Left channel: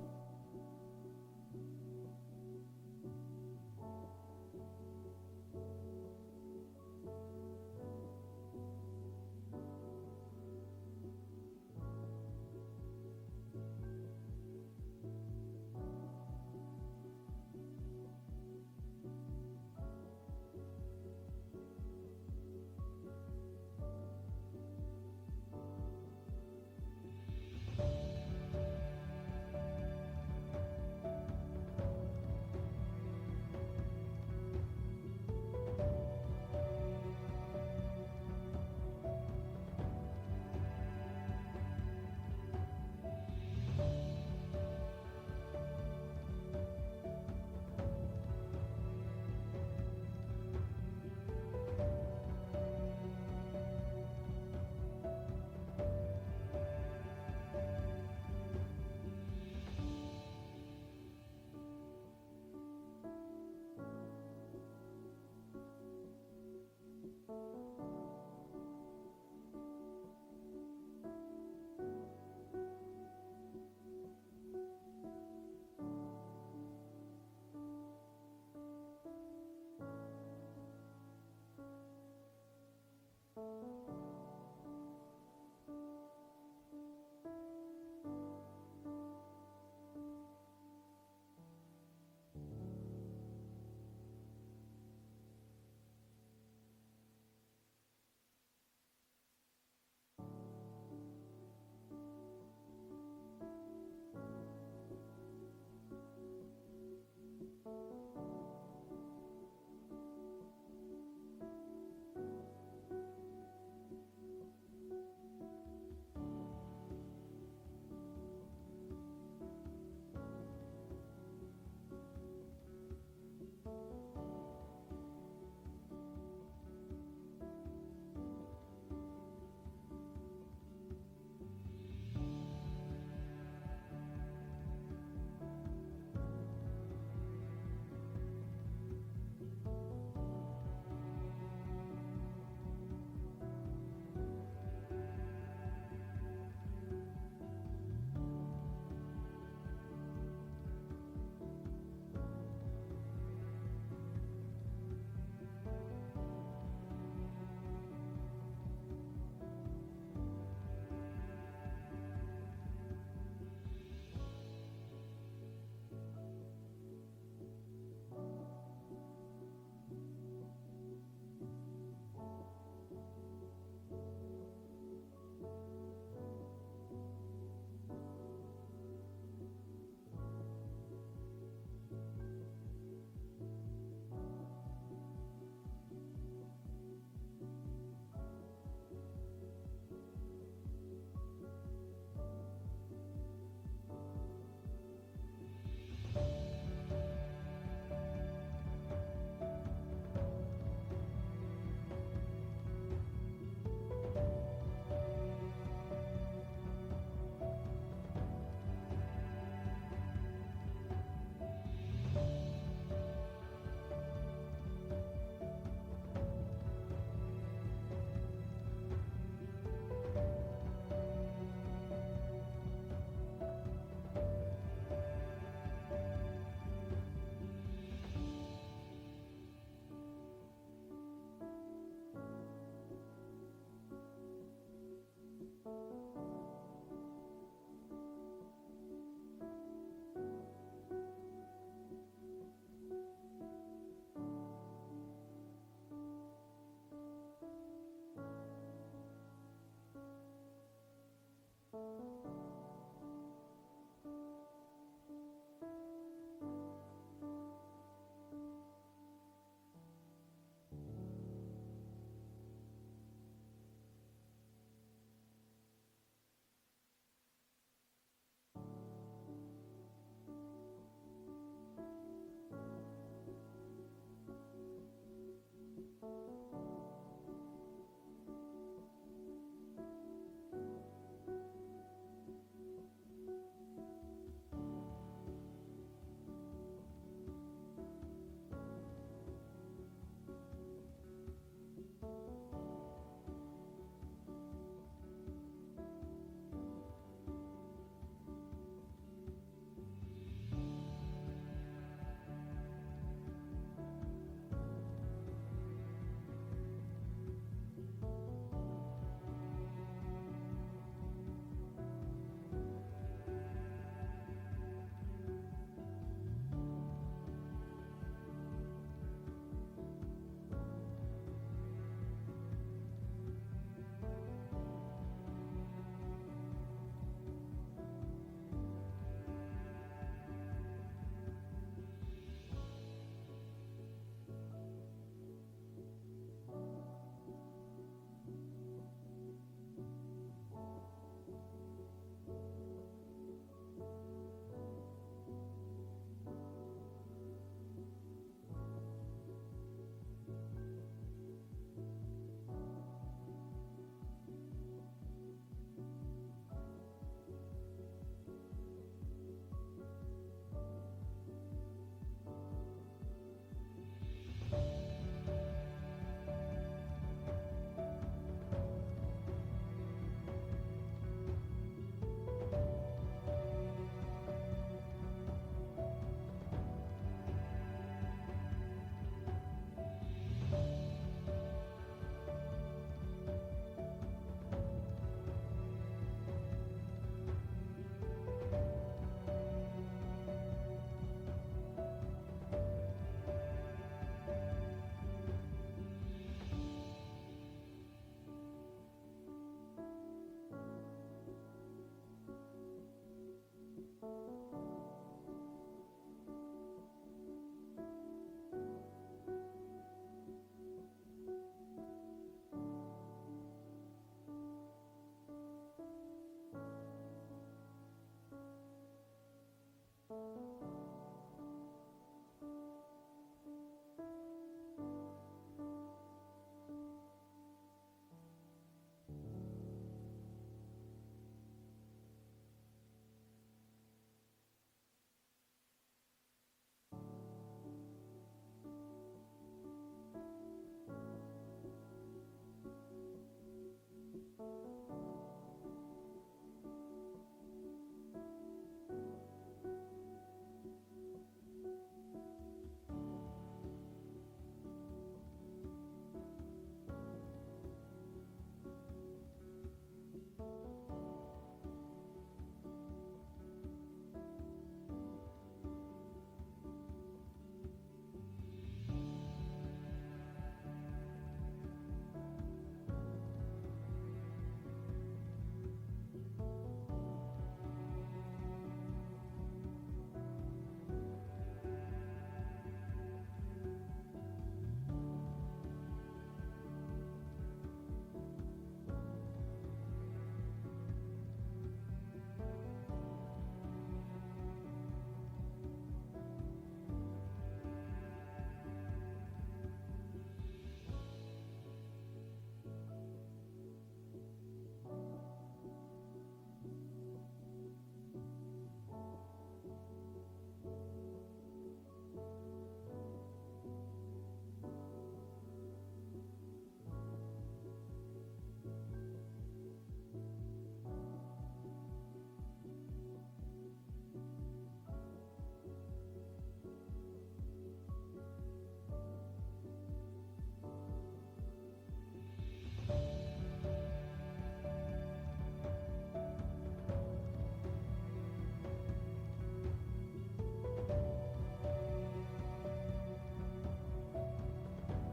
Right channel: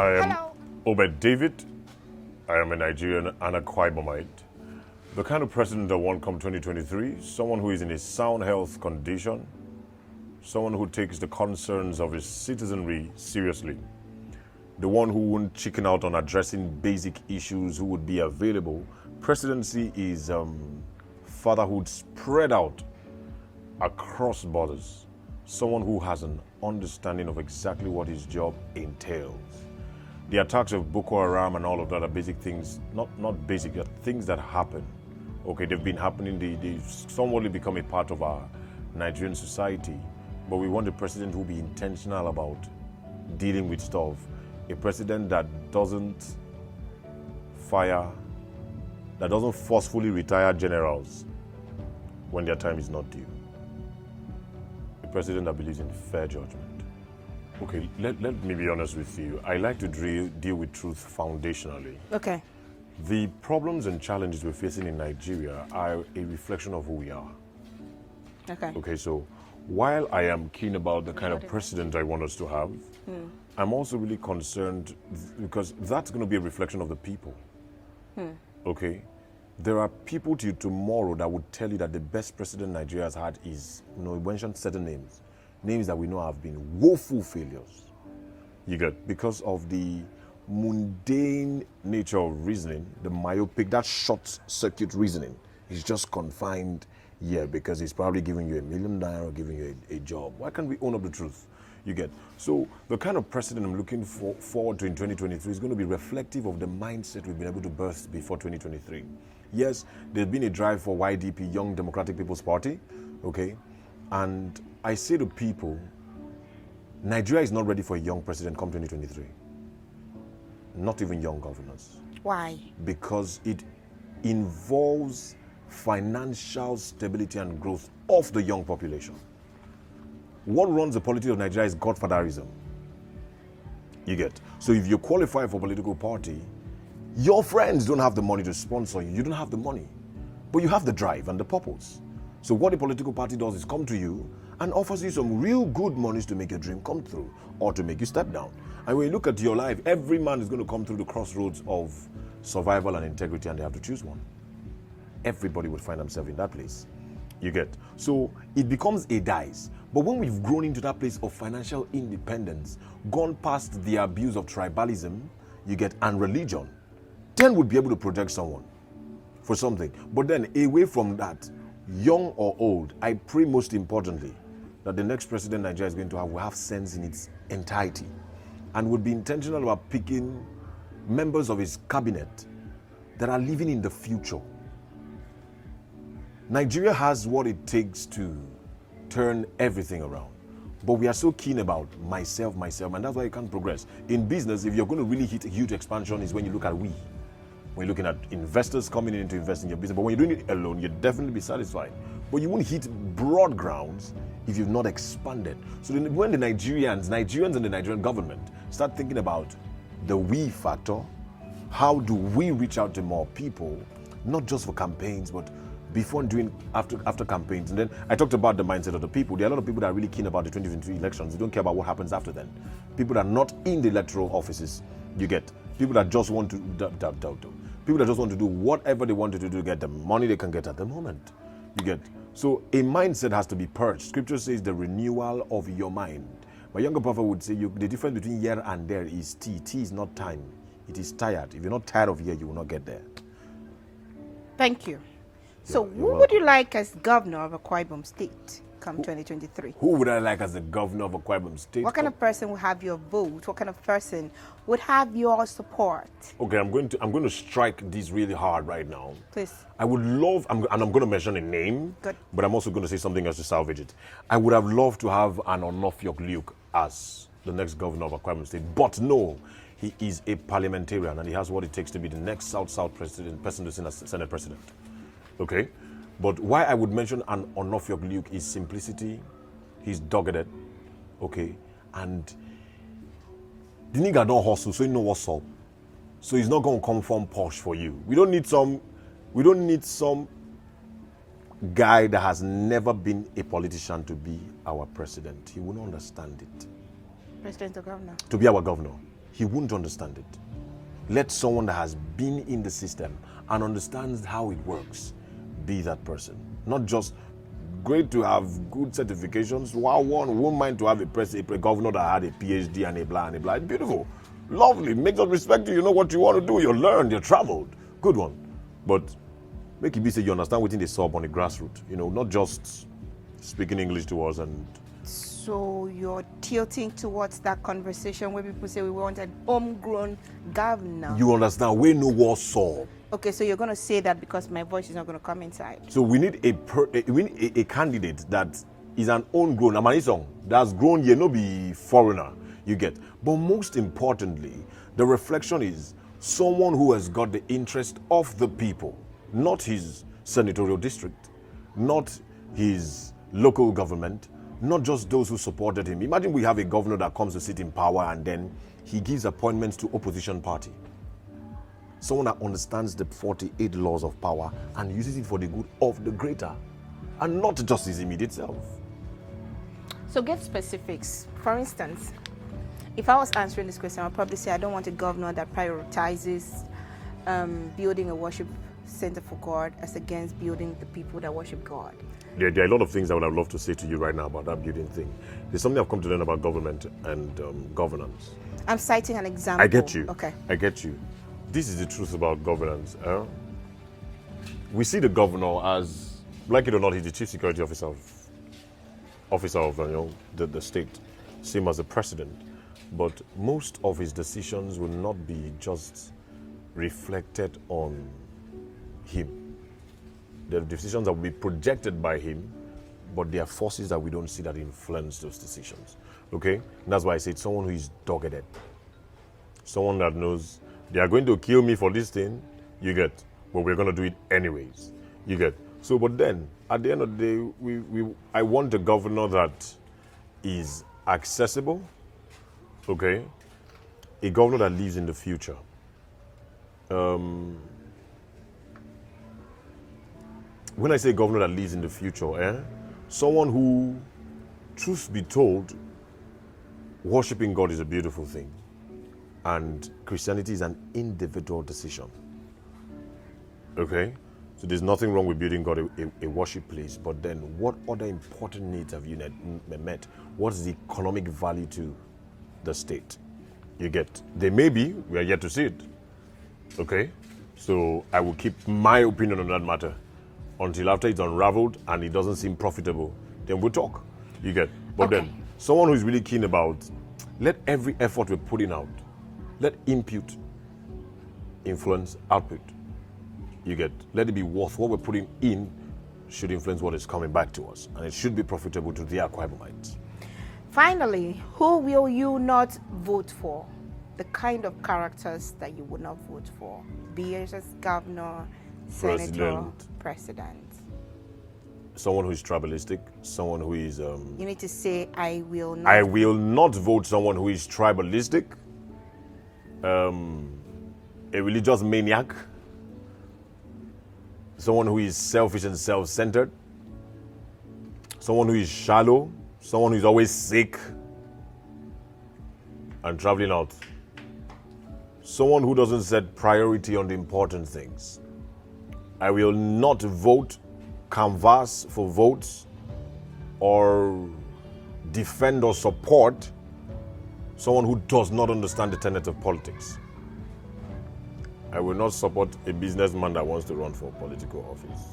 I am Obed David. I am a Nigerian and a IBOMite. The kind of president that won't come 2023, someone who is in a sound health condition, someone who takes the concerns of his citizenry seriously, the one who won't chicken out on addressing basic issues, who would be available. Presidency is fatherhood spread out across borders. Someone who has an understanding of exactly what his job entails. The attacks of Boko Haram and all of that are basic things, not basic, they're things that happen. Okay, they've been happening, they've somewhat become a part of our Nigerian society. But we want a president who will be intentional about dealing with stuff. A president that doesn't fire, that doesn't forcefully retire generals when their time is not due. A president that believes in fair judgment. Okay, let me be honest with you. I like to deal with truth foundationally. Okay. The problems and challenges we're facing in Nigeria are a reflection of who we are. Okay. Okay, so while I am keen about the kind of president I want us to have, I'm also really concerned because that's going to be a reflection of the people. Okay? There are people to tomorrow that would tell you that the best president Nigeria has had is, we mentioned certain names that we know have been woeful failures. You get, because of the mundane nature of reasoning, the myopic, that short circuit reasoning is just confined here because he's probably giving you $1 million or giving you a job. Why can't we own up the truth? You get. So the kind of president I'm looking forward to in 2023 is going to be reflective of the mindset we've been able to birth before 2023. Yes, there's been a drive for YDP, Young Democratic People's Party, okay? And I say to people, Nigeria is not ready for a young president come 2023. Not even young governors. Why? Because it involves financial stability and growth of the young population. What runs the politics of Nigeria is godfatherism. You get. So if you qualify for a political party, your friends don't have the money to sponsor you. You don't have the money. But you have the drive and the purpose. So what a political party does is come to you and offers you some real good monies to make your dream come through or to make you step down. And when you look at your life, every man is going to come through the crossroads of survival and integrity, and they have to choose one. Everybody would find themselves in that place. You get. So it becomes a dice. But when we've grown into that place of financial independence, gone past the abuse of tribalism, you get, and religion, then we'll be able to project someone for something. But then away from that, young or old, I pray most importantly that the next president Nigeria is going to have will have sense in its entirety and would be intentional about picking members of his cabinet that are living in the future. Nigeria has what it takes to turn everything around. But we are so keen about myself, and that's why you can't progress. In business, if you're going to really hit a huge expansion is when you look at we. When you're looking at investors coming in to invest in your business. But when you're doing it alone, you'll definitely be satisfied. But you won't hit broad grounds if you've not expanded. So when the Nigerians and the Nigerian government start thinking about the we factor, how do we reach out to more people, not just for campaigns, but before and doing after campaigns. And then I talked about the mindset of the people. There are a lot of people that are really keen about the 2023 elections. They don't care about what happens after then. People that are not in the electoral offices, you get. People that just want to people that just want to do whatever they want to do to get the money they can get at the moment. You get. So a mindset has to be purged. Scripture says the renewal of your mind. My younger prophet would say the difference between here and there is T. T is not time. It is tired. If you're not tired of here, you will not get there. Thank you. So You're who would you like as governor of Akwa Ibom State come 2023? Who would I like as the governor of Akwa Ibom State? What kind of person would have your vote? What kind of person would have your support? Okay, I'm going to strike this really hard right now. Please. I would love, and I'm going to mention a name, Good. but I'm also going to say something else to salvage it. I would have loved to have an ONOFIOK as the next governor of Akwa Ibom State, but no, he is a parliamentarian and he has what it takes to be the next South president, person to Senate president. Okay? But why I would mention an ONOFIOK is simplicity, he's dogged, okay? And the nigga don't hustle, so he know what's up. So he's not going to come from posh for you. We don't need some guy that has never been a politician to be our president. He will not understand it. President or governor? To be our governor. he wouldn't understand it. Let someone that has been in the system and understands how it works be that person. Not just great to have good certifications. Wow, one won't mind to have a governor that had a PhD and a blah and a blah. It's beautiful, lovely, makes us respect you. You know what you want to do. You learned, you traveled. Good one. But make it be say you understand within the sub on the grassroots. You know, not just speaking English to us. And so you're tilting towards that conversation where people say we want an homegrown governor. You understand? We know what's so. Okay, so you're going to say that because my voice is not going to come inside. So we need a candidate that is an homegrown, Amanisong, that's grown here, no be foreigner, you get. But most importantly, the reflection is someone who has got the interest of the people, not his senatorial district, not his local government, not just those who supported him. Imagine we have a governor that comes to sit in power and then he gives appointments to opposition party. Someone that understands the 48 laws of power and uses it for the good of the greater and not just his immediate self. So get specifics. For instance, if I was answering this question, I'd probably say I don't want a governor that prioritizes building a worship center for God as against building the people that worship God. There are a lot of things I would have loved to say to you right now about that building thing. There's something I've come to learn about government and governance. I'm citing an example. I get you. Okay. I get you. This is the truth about governance. We see the governor as, like it or not, he's the chief security officer of the state, same as the president. But most of his decisions will not be just reflected on him. There are decisions that will be projected by him, but there are forces that we don't see that influence those decisions. Okay? And that's why I say it's someone who is dogged. Someone that knows they are going to kill me for this thing, you get, but we're going to do it anyways, you get. So, but then, at the end of the day, I want a governor that is accessible, okay? A governor that lives in the future. When I say governor that lives in the future, someone who, truth be told, worshiping God is a beautiful thing. And Christianity is an individual decision. Okay? So there's nothing wrong with building God a worship place, but then what other important needs have you met? What is the economic value to the state? You get. They may be, we are yet to see it. Okay? So I will keep my opinion on that matter until after it's unraveled and it doesn't seem profitable. Then we'll talk. You get. But okay. Then someone who is really keen about, let every effort we're putting out, let input influence output. You get. Let it be worth what we're putting in should influence what is coming back to us. And it should be profitable to the AKWA. Finally, who will you not vote for? The kind of characters that you would not vote for. Be it as governor, senator, president. Someone who is tribalistic, someone who is... you need to say, I will not. I will not vote someone who is tribalistic, a religious maniac, someone who is selfish and self-centered, someone who is shallow, someone who is always sick and traveling out, someone who doesn't set priority on the important things. I will not vote, canvass for votes, or defend or support someone who does not understand the tenets of politics. I will not support a businessman that wants to run for political office.